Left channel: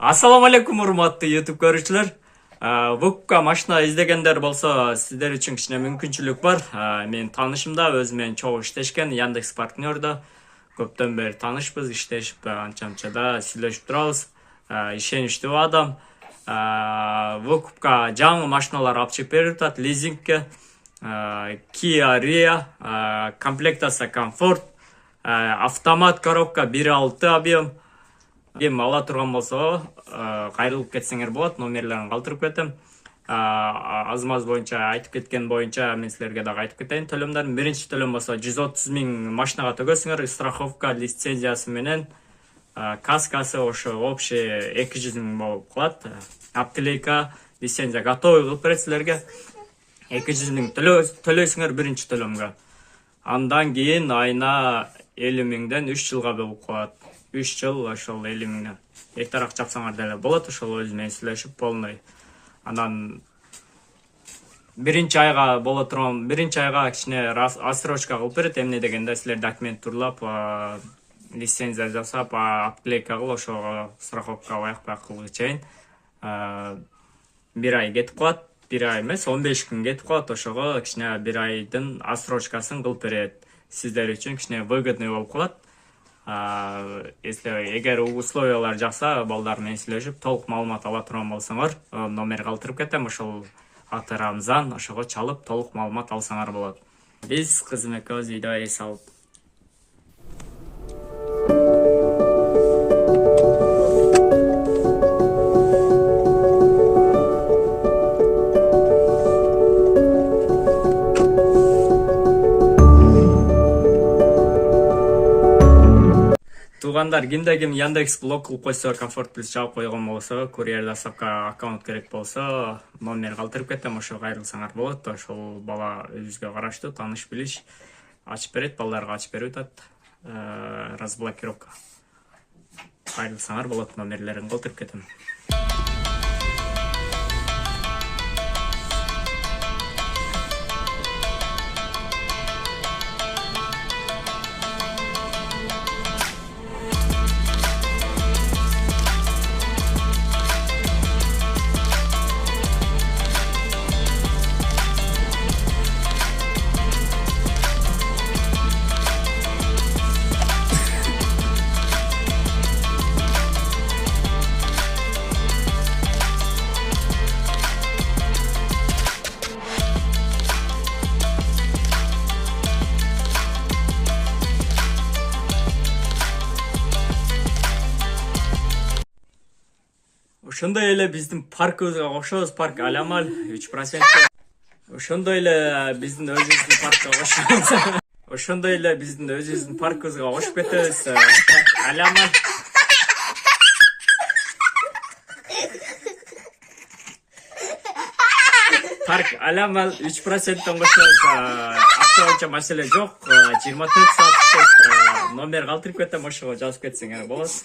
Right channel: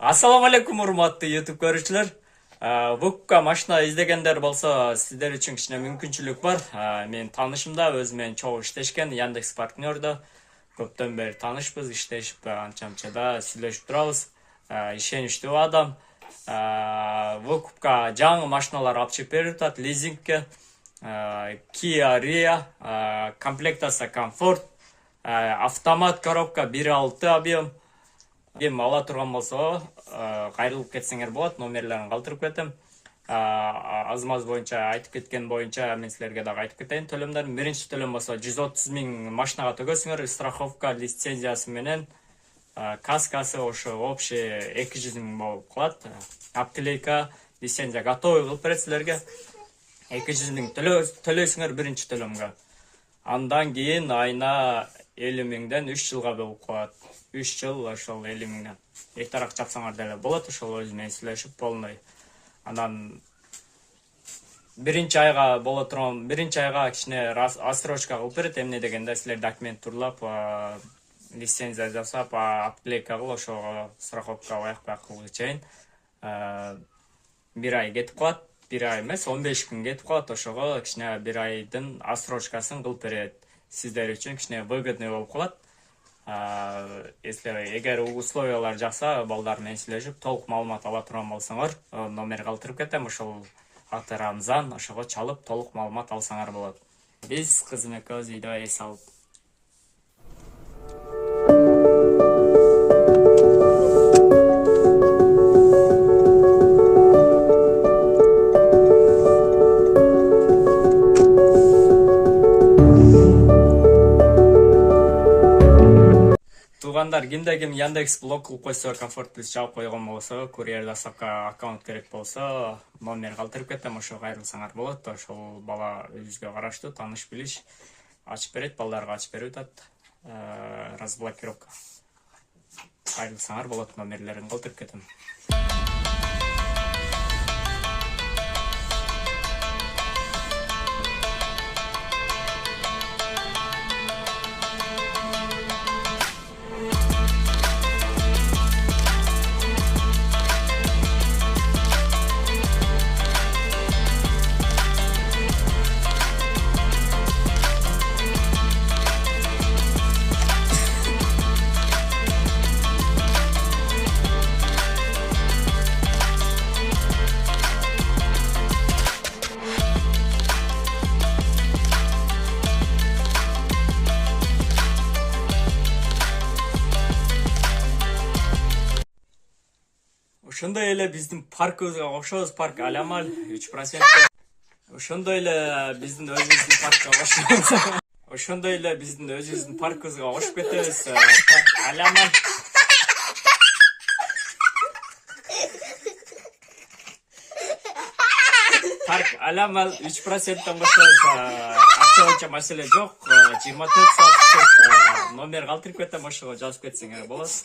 Ассаламу алейкум, урматтуу YouTube көрүүчүлөр. Вукка машина издегендер болсо, сиздер үчүн кичине мүмкүнчүлүк бар. Мен таанышымда өзү менен чогуу иштешкен Яндекс партнерда. Көптөн бери таанышпыз, иштешип анча-мынчада сүйлөшүп турабыз. Ишеничтүү адам. Вукка жаңы машиналар алып чыгып берип атат лизингке. Kia Rio, комплектация комфорт, автомат коробка 1.6 объем. Эми ала турган болсо, кайрылып кетсеңер болот, номерлерин калтырып кетем. Азмаз боюнча айтып кеткен боюнча мен силерге дагы айтып кетейин. Төлөмдөрдүн биринчи төлөм болсо 130 000 машинага төгөсүңөр, страховка лицензиясы менен каскасы ошо общий 200 000 болуп калат. Аптелейка лицензия готовый кылып берет силерге. 200 000 төлөйсүңөр биринчи төлөмгө. Андан кийин айына 50 000ден 3 жылга болуп калат. 3 жыл ошол 50 000ден. Эртерээк жапсаңар деле болот, ошол өзү менен сүйлөшүп полный. Андан биринчи айга кичине отсрочка кылып берет. Эмне дегенде силер документ турлап, лицензия жасап, аптелейка кылып, ошого страховка баяк кылгыч чейин 1 ай кетип калат. 1 ай эмес, 15 күн кетип калат. Ошого кичине 1 айдын отсрочкасын кылып берет. Сиздер үчүн кичине выгодный болуп калат. Эгер условиялар жакса, балдар менен сүйлөшүп, толук маалымат ала турган болсоңор, номер калтырып кетем, ошол аты Рамзан, ошого чалып толук маалымат алсаңар болот. Биз кызым экөөбүз үйдө эс алып. Тугандар, кимде ким Яндекс блок кылып койсо, комфорт плюс жаап койгон болсо, курьер доставка аккаунт керек болсо, номер калтырып кетем, ошо кайрылсаңар болот. Ошол бала өзүбүзгө караштуу, тааныш билиш ачып берет, балдарга ачып берип атат. Разблокировка. Кайрылсаңар болот, номерлерин калтырып кетем. Ошондой эле биздин паркыбызга кошобуз, парк Алямаль 3%. Ошондой эле биздин өзүбүздүн паркка кошобуз. Ошондой эле биздин өзүбүздүн паркыбызга кошуп кетебиз. Парк Алямаль. Парк Алямаль 3%тан кошобуз. Акча боюнча маселе жок. 24 саат номер калтырып кетем, ошого жазып кетсеңер болот.